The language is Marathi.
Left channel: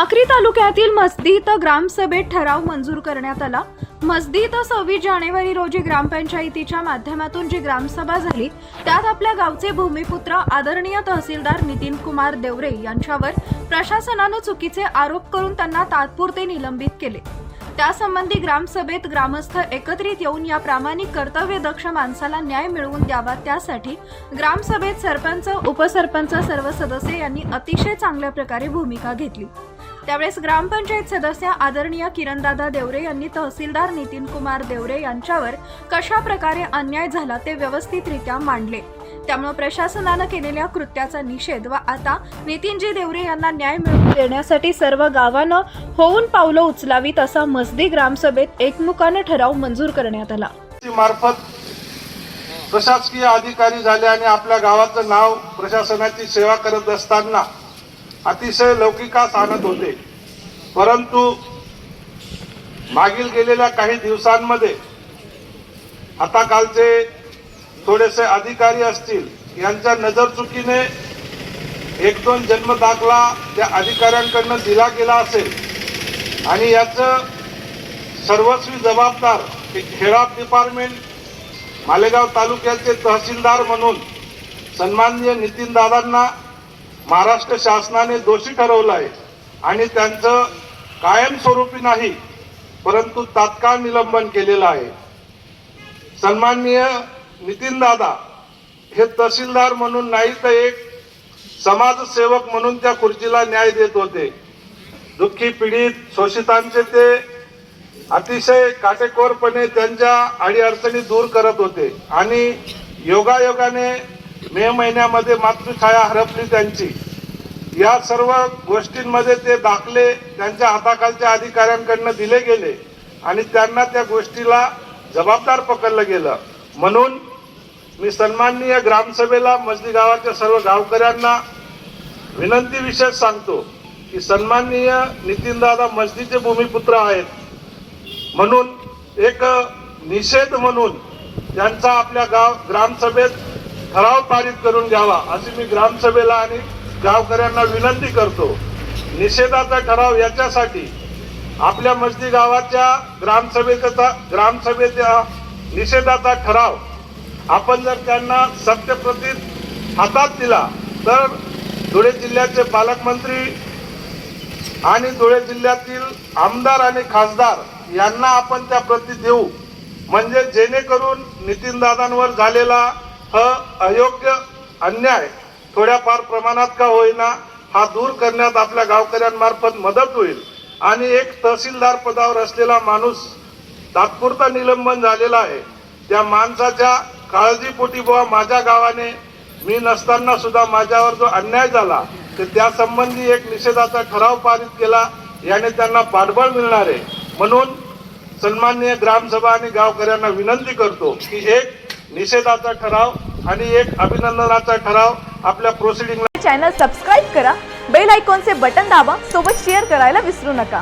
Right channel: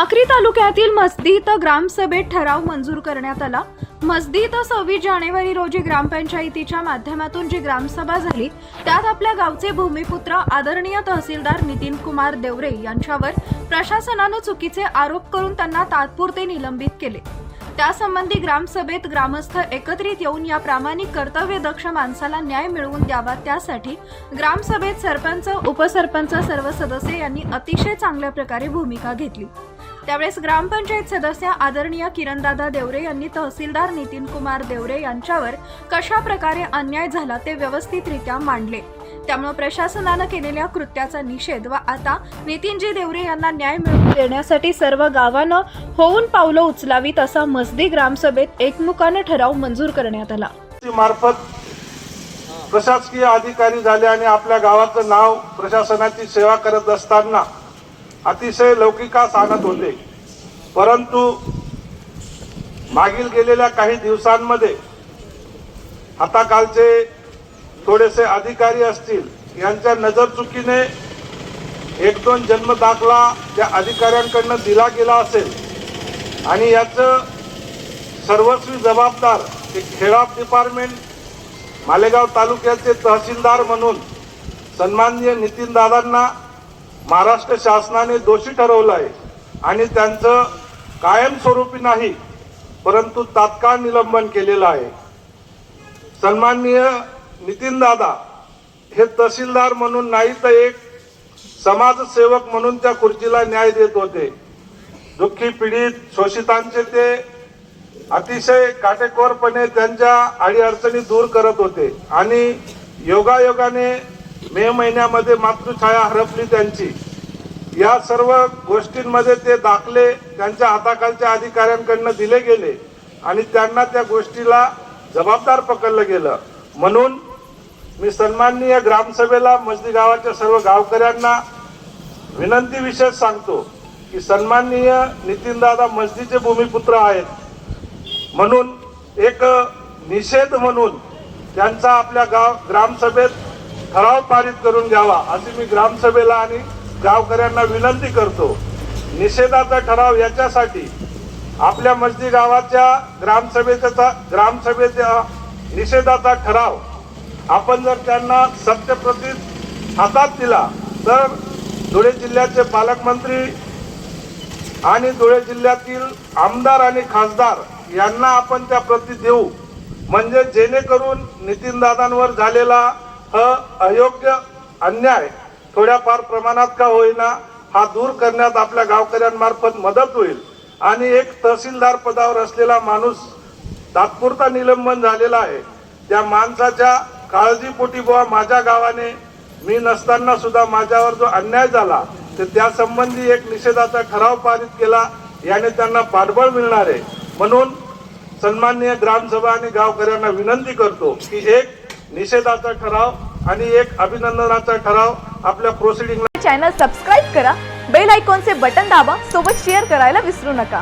साक्री तालुक्यातील मस्दी ग्रामसभेत ठराव मंजूर करण्यात आला. मस्दी सव्वीस जानेवारी रोजी ग्रामपंचायतीच्या माध्यमातून जी ग्रामसभा झाली त्यात आपल्या गावचे भूमिपुत्र आदरणीय तहसीलदार नितीन कुमार देवरे यांच्यावर प्रशासनानं चुकीचे आरोप करून त्यांना तात्पुरते निलंबित केले. त्यासंबंधी ग्रामसभेत ग्रामस्थ एकत्रित येऊन या प्रामाणिक कर्तव्यदक्ष माणसाला न्याय मिळवून द्यावा त्यासाठी ग्रामसभेत सरपंच उपसरपंच सर्व सदस्य यांनी अतिशय चांगल्या प्रकारे भूमिका घेतली. त्यावेळेस ग्रामपंचायत सदस्य आदरणीय किरणदादा देवरे यांनी तहसीलदार नितीन कुमार देवरे यांच्यावर कशा प्रकारे अन्याय झाला ते व्यवस्थितरित्या मांडले. त्यामुळे प्रशासनानं केलेल्या कृत्याचा निषेध व आता नितीनजी देवरे यांना न्याय मिळवून देण्यासाठी सर्व गावानं होऊन पावलं उचलावीत असा मस्दी ग्रामसभेत एकमुखानं ठराव मंजूर करण्यात आला. मार्फत प्रशासकीय अधिकारी झाले आणि आपल्या गावाचं नाव प्रशासनाची सेवा करत असताना अतिशय लौकिकास आणत होते. परंतु मागील गेलेल्या काही दिवसांमध्ये हाताकालचे थोडेसे अधिकारी असतील यांच्या नजर चुकीने एक दोन जन्म दाखला त्या अधिकाऱ्यांकडनं दिला गेला असेल आणि याचं सर्वस्वी जबाबदार हे खेळा डिपार्टमेंट मालेगाव तालुक्याचे तहसीलदार म्हणून सन्माननीय नितीन दादांना महाराष्ट्र शासनाने दोषी ठरवलं आहे. आणि त्यांचं कायमस्वरूपी नाही परंतु तात्काळ निलंबन केलेलं आहे. सन्माननीय नितीन दादा हे तहसीलदार म्हणून नाही तर एक समाजसेवक म्हणून त्या खुर्चीला न्याय देत होते. दुःखी पीडित शोषितांचे ते अतिशय काटेकोरपणे त्यांच्या अडीअडचणी दूर करत होते. आणि योगायोगाने मे महिन्यामध्ये मातृछाया हरपली त्यांची. या सर्व गोष्टींमध्ये ते दाखले त्यांच्या हाताखालच्या अधिकाऱ्यांकडनं दिले गेले आणि त्यांना त्या गोष्टीला जबाबदार पकडलं गेलं. म्हणून मी सन्माननीय ग्रामसभेला मजली गावाच्या सर्व गावकऱ्यांना विनंती विशेष सांगतो की सन्माननीय नितीनदादा मस्जिदचे भूमिपुत्र आहेत. म्हणून एक निषेध म्हणून त्यांचा आपल्या गाव ग्रामसभेत ठराव पारित करून द्यावा अशी मी ग्रामसभेला आणि गावकऱ्यांना विनंती करतो. निषेधाचा ठराव याच्यासाठी आपल्या मस्जिद गावाच्या ग्रामसभेचा ग्रामसभेच्या निषेधाचा ठराव आपण जर त्यांना सत्यप्रतीत हातात दिला तर धुळे जिल्ह्याचे पालकमंत्री आणि धुळे जिल्ह्यातील आमदार आणि खासदार यांना आपण त्या प्रती देऊ. म्हणजे जेणेकरून नितीनदादांवर झालेला ह अयोग्य अन्याय थोड्याफार प्रमाणात का होईना हा दूर करण्यात आपल्या गावकऱ्यांमार्फत मदत होईल. आणि एक तहसीलदार पदावर असलेला माणूस तात्पुरता निलंबन झालेला आहे. त्या माणसाच्या काळजीपोटी बुवा माझ्या गावाने मी नसताना सुद्धा माझ्यावर जो अन्याय झाला तर त्यासंबंधी एक निषेधाचा ठराव पारित केला याने त्यांना पाठबळ मिळणार आहे. म्हणून सन्माननीय ग्रामसभा आणि गावकऱ्यांना विनंती करतो की एक निषेधाचा ठराव आणि एक अभिनंदनाचा ठराव आपल्या प्रोसिडिंग चॅनल सबस्क्राईब करा. बेल आयकॉनचे बटन दाबा. सोबत शेअर करायला विसरू नका.